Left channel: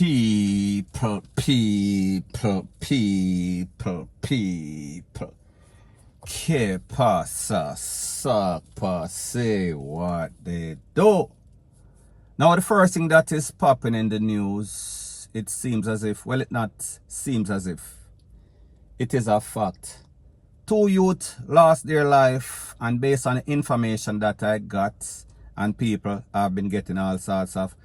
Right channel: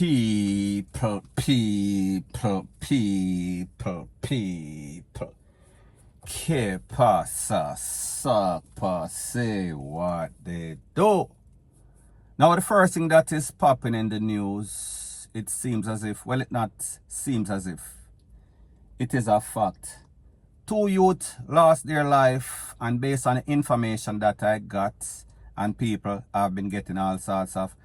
People. Que pasa, sapa, say what they do. Now, the first thing that is popping in the news, it seems as if, well, it not seems as if, it is a fact. 2 youth lost their life, and based on the information that I got, and people have been getting all sorts of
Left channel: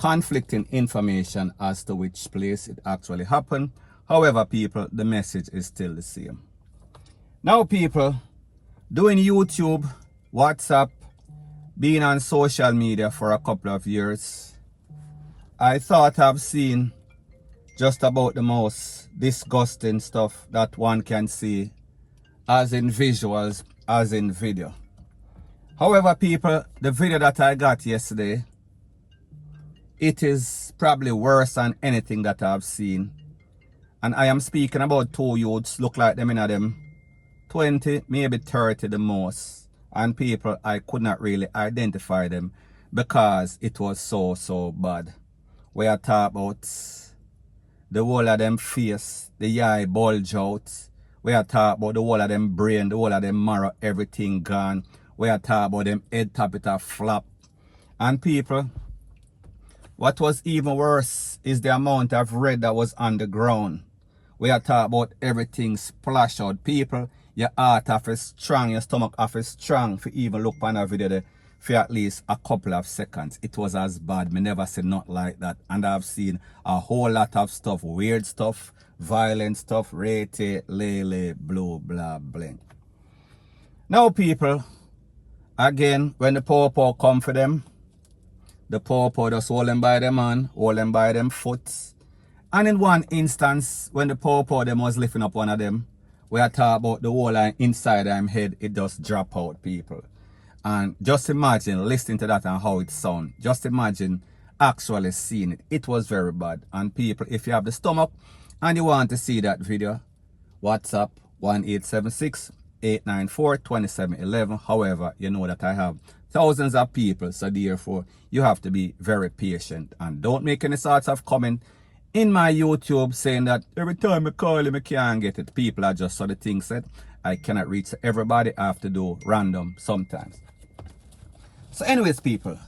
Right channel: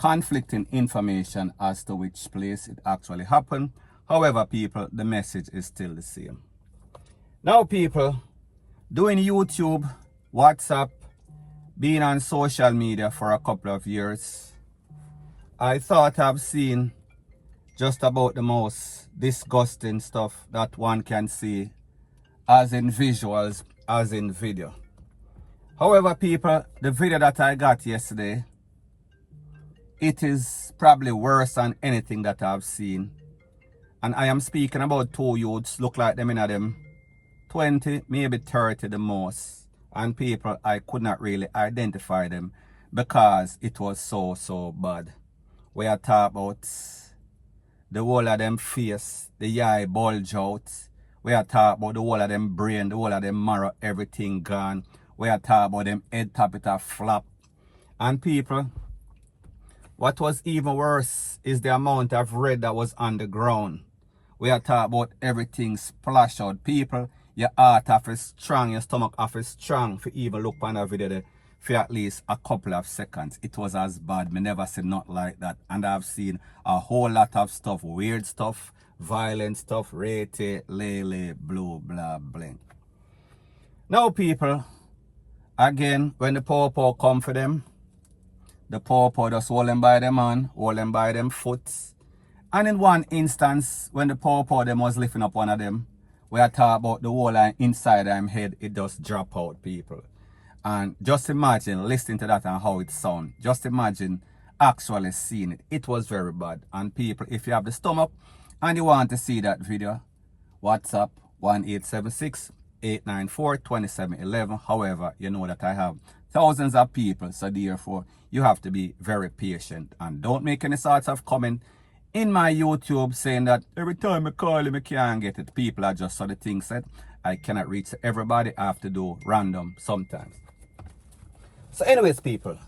conflicting information as to which place it actually happened. However, people, the message is still the same. Now, people, doing YouTube, WhatsApp, being on social media for a couple of years, I thought I've seen just about the most disgusting stuff that one can see, as in visuals, as in video. However, people, the video that I got yesterday, it is probably worse than anything that I've seen. And I am speaking about 2 youths, look like them in them 20, maybe 30 the most. And people, I could not really identify them because it was so bad. We are talking about the whole of them face, the eye bulge out. We are talking about the whole of them brain, the whole of them marrow, everything gone. We are talking about them head top, it a flap. And people, what was even worse is the amount of red that was on the ground. We are talking about everything splash out. People, your heart off is strong, your stomach off is strong for even look on a video there for at least a couple of seconds. It was as bad. Me never said not like that. And I've seen a whole lot of stuff, weird stuff, violent stuff, rate, lele, blue, blah, bling. Now, people, again, when the popo come for them, the popo just hold them by them hand, hold them by them foot. And in one instance, when the popo them was lifting up one of them, we are talking about the whole line inside them head, it just drop out, people. And just imagine listening to that and how it sound. Just imagine actually seeing it. It was very bad. And people, if you have the stomach and you want to see that video, WhatsApp 1876-894-2711. However, you know that I have thousands of people, so therefore you have to be very patient and don't make any sorts of comment in my YouTube saying that every time I call him I can't get it. People are just so the thing said I cannot reach everybody. I have to do random sometimes. So anyways, people,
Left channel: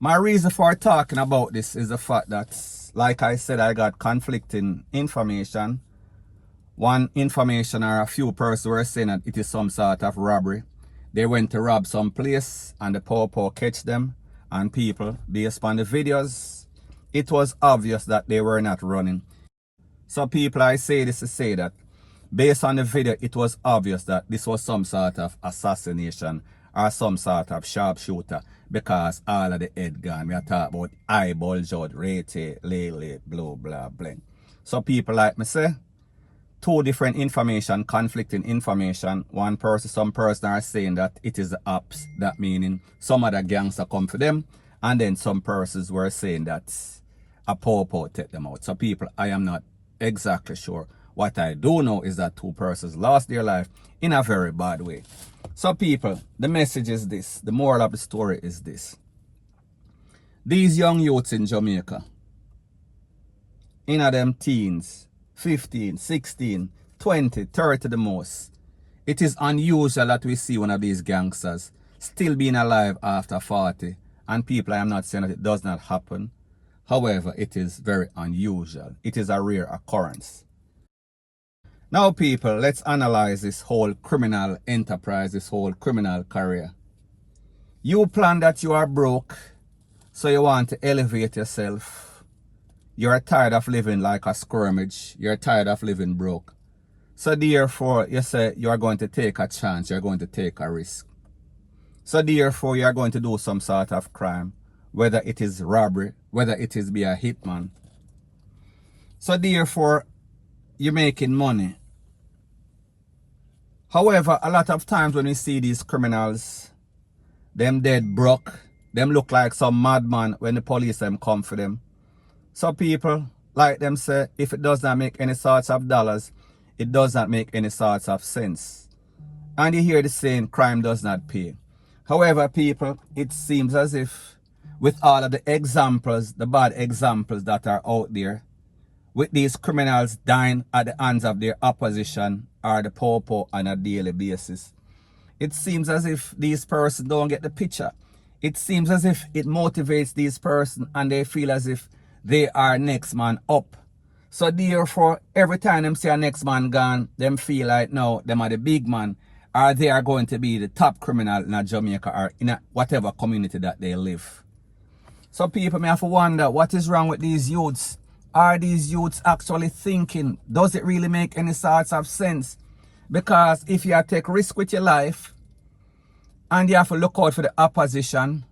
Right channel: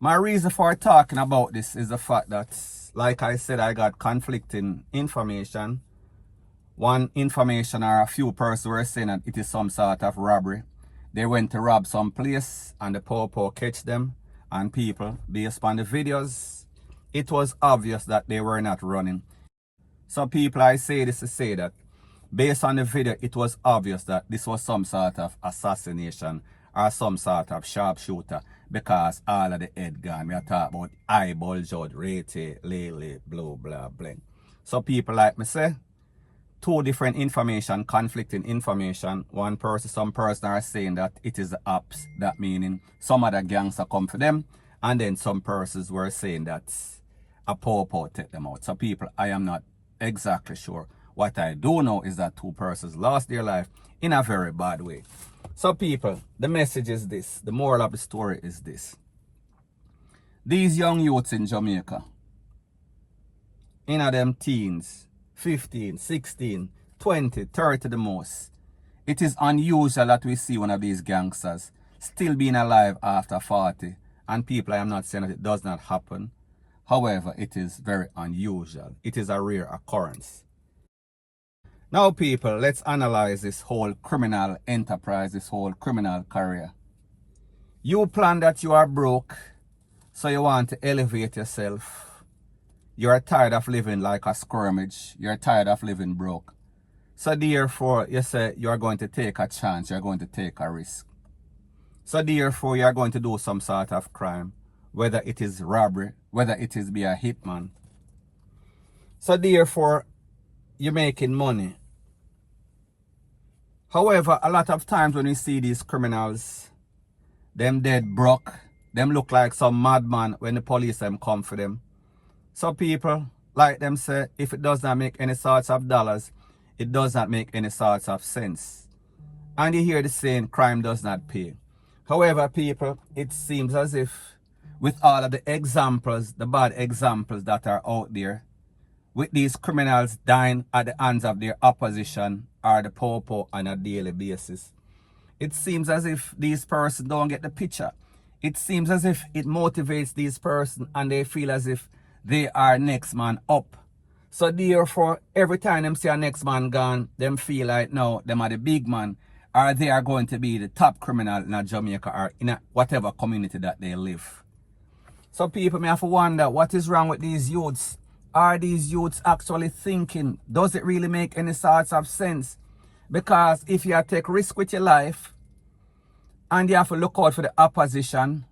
my reason for talking about this is the fact that, like I said, I got conflicting information. One information or a few persons were saying that it is some sort of robbery. They went to rob some place and the popo catch them. And people, based on the videos, it was obvious that they were not running. So people, I say this to say that based on the video, it was obvious that this was some sort of assassination or some sort of sharpshooter because all of the head gone. We are talking about eyeball, jud, rate, lele, blue, blah, bling. So people like me say, 2 different information, conflicting information. One person, some person are saying that it is the ops, that meaning some other gangster come for them. And then some persons were saying that a popo take them out. So people, I am not exactly sure. What I do know is that 2 persons lost their life in a very bad way. So people, the message is this. The moral of the story is this. These young youths in Jamaica, in them teens, 15, 16, 20, 30 the most, it is unusual that we see one of these gangsters still being alive after 40. And people, I am not saying that it does not happen. However, it is very unusual. It is a rare occurrence. Now, people, let's analyze this whole criminal enterprise, this whole criminal career. You plan that you are broke, so you want to elevate yourself. You are tired of living like a skirmish. You're tired of living broke. So therefore, you say you are going to take a chance. You're going to take a risk. So therefore, you are going to do some sort of crime. Whether it is robbery, whether it is be a hitman. So therefore, you're making money. However, a lot of times when we see these criminals, them dead broke, them look like some madman when the police them come for them. So people, like them say, if it does not make any sorts of dollars, it does not make any sorts of sense. And you hear the saying, crime does not pay. However, people, it seems as if with all of the examples, the bad examples that are out there, with these criminals dying at the hands of their opposition or the popo on a daily basis. It seems as if these persons don't get the picture. It seems as if it motivates these persons and they feel as if they are next man up. So therefore, every time them see a next man gone, them feel like now them are the big man, or they are going to be the top criminal in a Jamaica or in a whatever community that they live. So people may have to wonder, what is wrong with these youths? Are these youths actually thinking? Does it really make any sorts of sense? Because if you take risk with your life, and you have to look out for the opposition,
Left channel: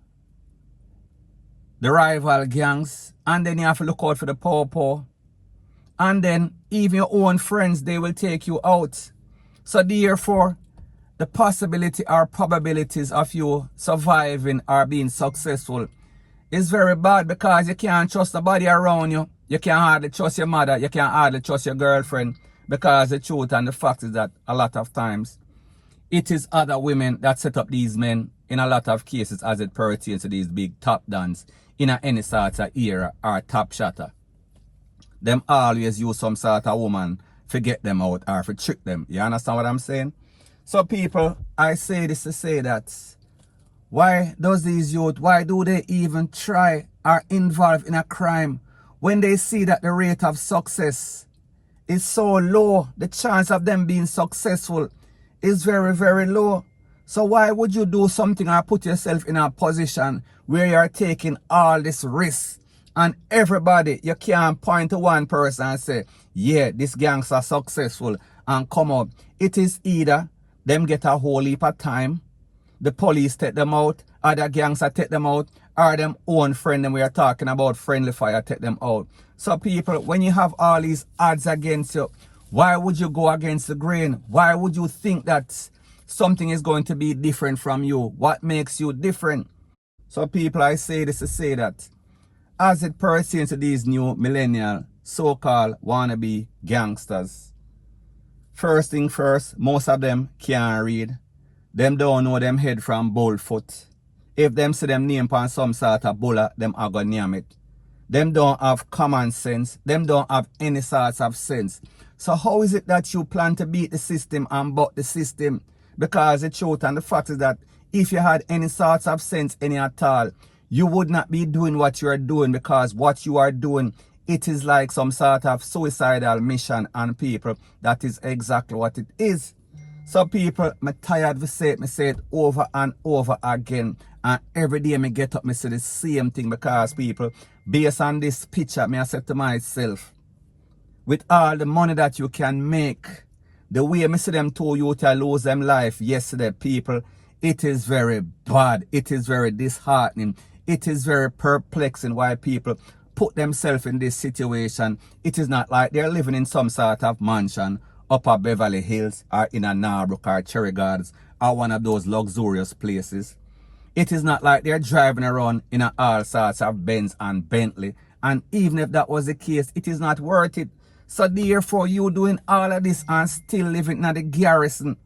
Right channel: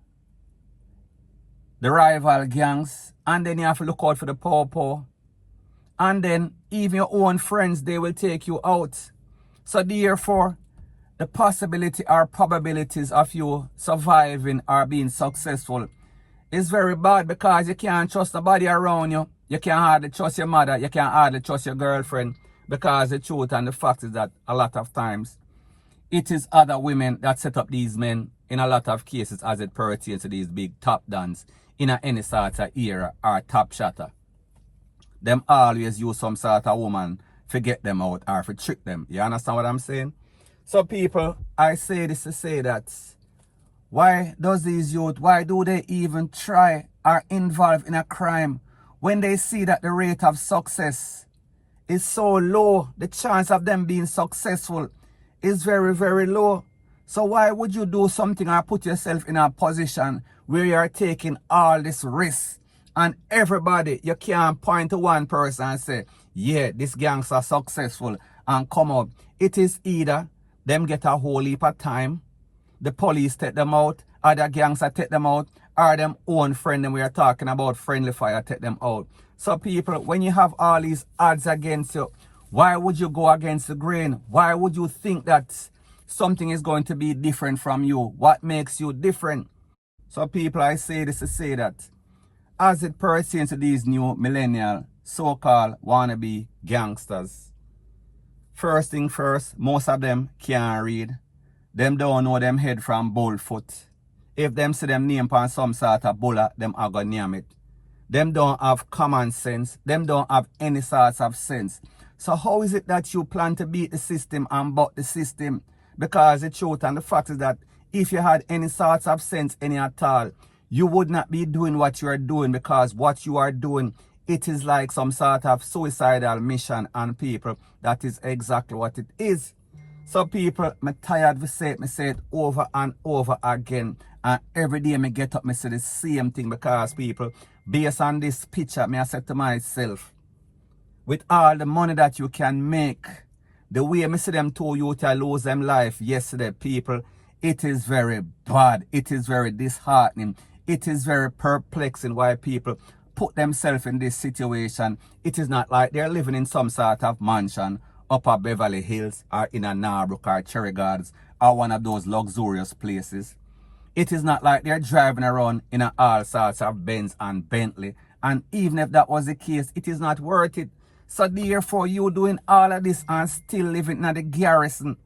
the rival gangs, and then you have to look out for the popo, and then even your own friends, they will take you out. So therefore, the possibility or probabilities of you surviving or being successful is very bad, because you can't trust nobody around you. You can't hardly trust your mother. You can't hardly trust your girlfriend, because the truth and the fact is that a lot of times it is other women that set up these men in a lot of cases as it pertains to these big top dons in any sort of era or top shotter. Them always use some sort of woman to get them out or to trick them. You understand what I'm saying? So people, I say this to say that why does these youth, why do they even try or involve in a crime when they see that the rate of success is so low? The chance of them being successful is very, very low. So why would you do something or put yourself in a position where you're taking all this risk? And everybody, you can't point to one person and say, yeah, this gangs are successful and come up. It is either them get a whole heap of time, the police take them out, other gangs take them out, or them own friend, and we are talking about friendly fire, take them out. So people, when you have all these odds against you, why would you go against the grain? Why would you think that something is going to be different from you? What makes you different? So people, I say this to say that as it pertains to these new millennial so-called wannabe gangsters, first thing first, most of them can't read. Them don't know them head from bold foot. If them see them name on some sort of bullet, them are gonna name it. Them don't have common sense. Them don't have any sorts of sense. So how is it that you plan to beat the system and buck the system? Because the truth and the fact is that if you had any sorts of sense, any at all, you would not be doing what you are doing, because what you are doing, it is like some sort of suicidal mission on people. That is exactly what it is. So people, I'm tired of say it over and over again. And every day I get up, I say the same thing, because people, based on this picture, I say to myself, with all the money that you can make, the way I see them two youth lose them life yesterday, people, it is very bad. It is very disheartening. It is very perplexing why people put themselves in this situation. It is not like they're living in some sort of mansion up at Beverly Hills or in a Narbrook or Cherry Gardens or one of those luxurious places. It is not like they're driving around in all sorts of Benz and Bentley. And even if that was the case, it is not worth it. So therefore, you doing all of this and still living in the garrison.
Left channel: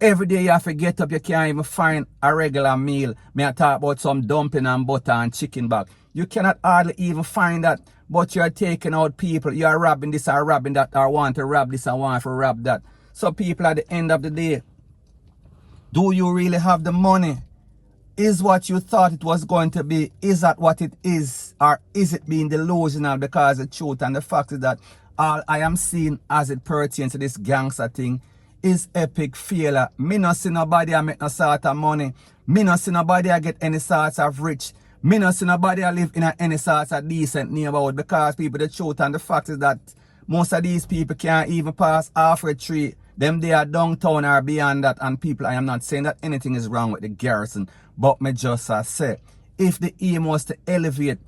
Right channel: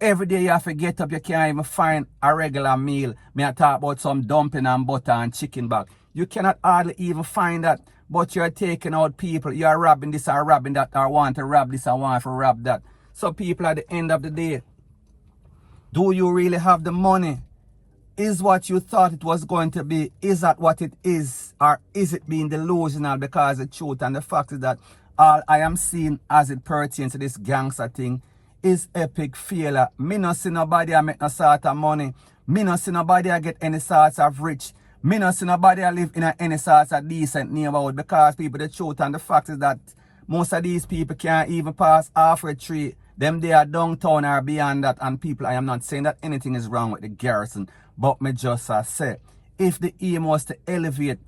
Every day you have to get up, you can't even find a regular meal. Me I talk about some dumpling and butter and chicken back. You cannot hardly even find that, but you're taking out people. You're robbing this or robbing that, or want to rob this and want to rob that. So people, at the end of the day, do you really have the money? Is what you thought it was going to be, is that what it is? Or is it being delusional? Because the truth and the fact is that all I am seeing as it pertains to this gangster thing is epic failure. Me not see nobody I make no sort of money. Me not see nobody I get any sort of rich. Me not see nobody I live in any sort of decent neighborhood, because people, the truth and the fact is that most of these people can't even pass halfway tree. Them they are downtown or beyond that. And people, I am not saying that anything is wrong with the garrison, but me just say, if the aim was to elevate,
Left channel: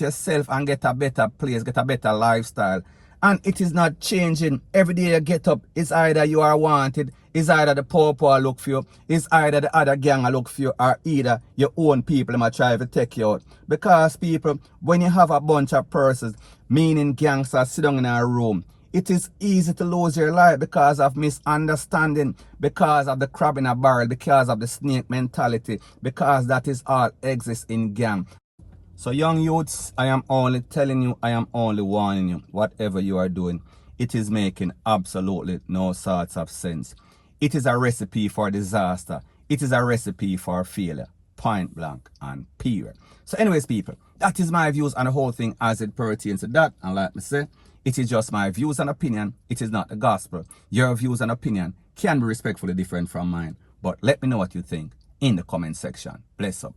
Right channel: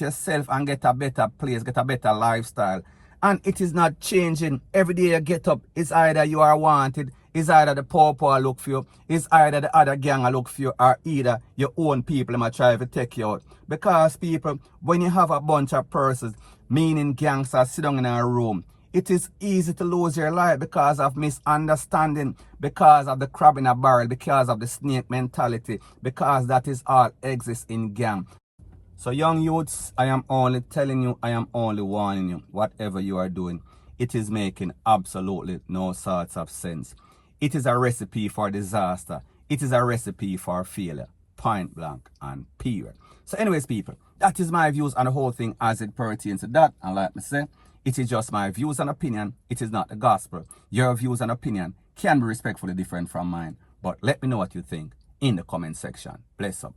yourself and get a better place, get a better lifestyle, and it is not changing. Every day you get up, it's either you are wanted, it's either the poor look for you, it's either the other gang look for you, or either your own people might try to take you out. Because people, when you have a bunch of persons, meaning gangsters, sit down in a room, It is easy to lose your life because of misunderstanding, because of the crab in a barrel, because of the snake mentality, because that is all exists in gang. So young youths, I am only telling you, I am only warning you, whatever you are doing, it is making absolutely no sorts of sense. It is a recipe for disaster. It is a recipe for failure. Point blank and period. So anyways, people, that is my views on the whole thing as it pertains to that. And like me say, it is just my views and opinion. It is not the gospel. Your views and opinion can be respectfully different from mine. But let me know what you think in the comment section. Bless up.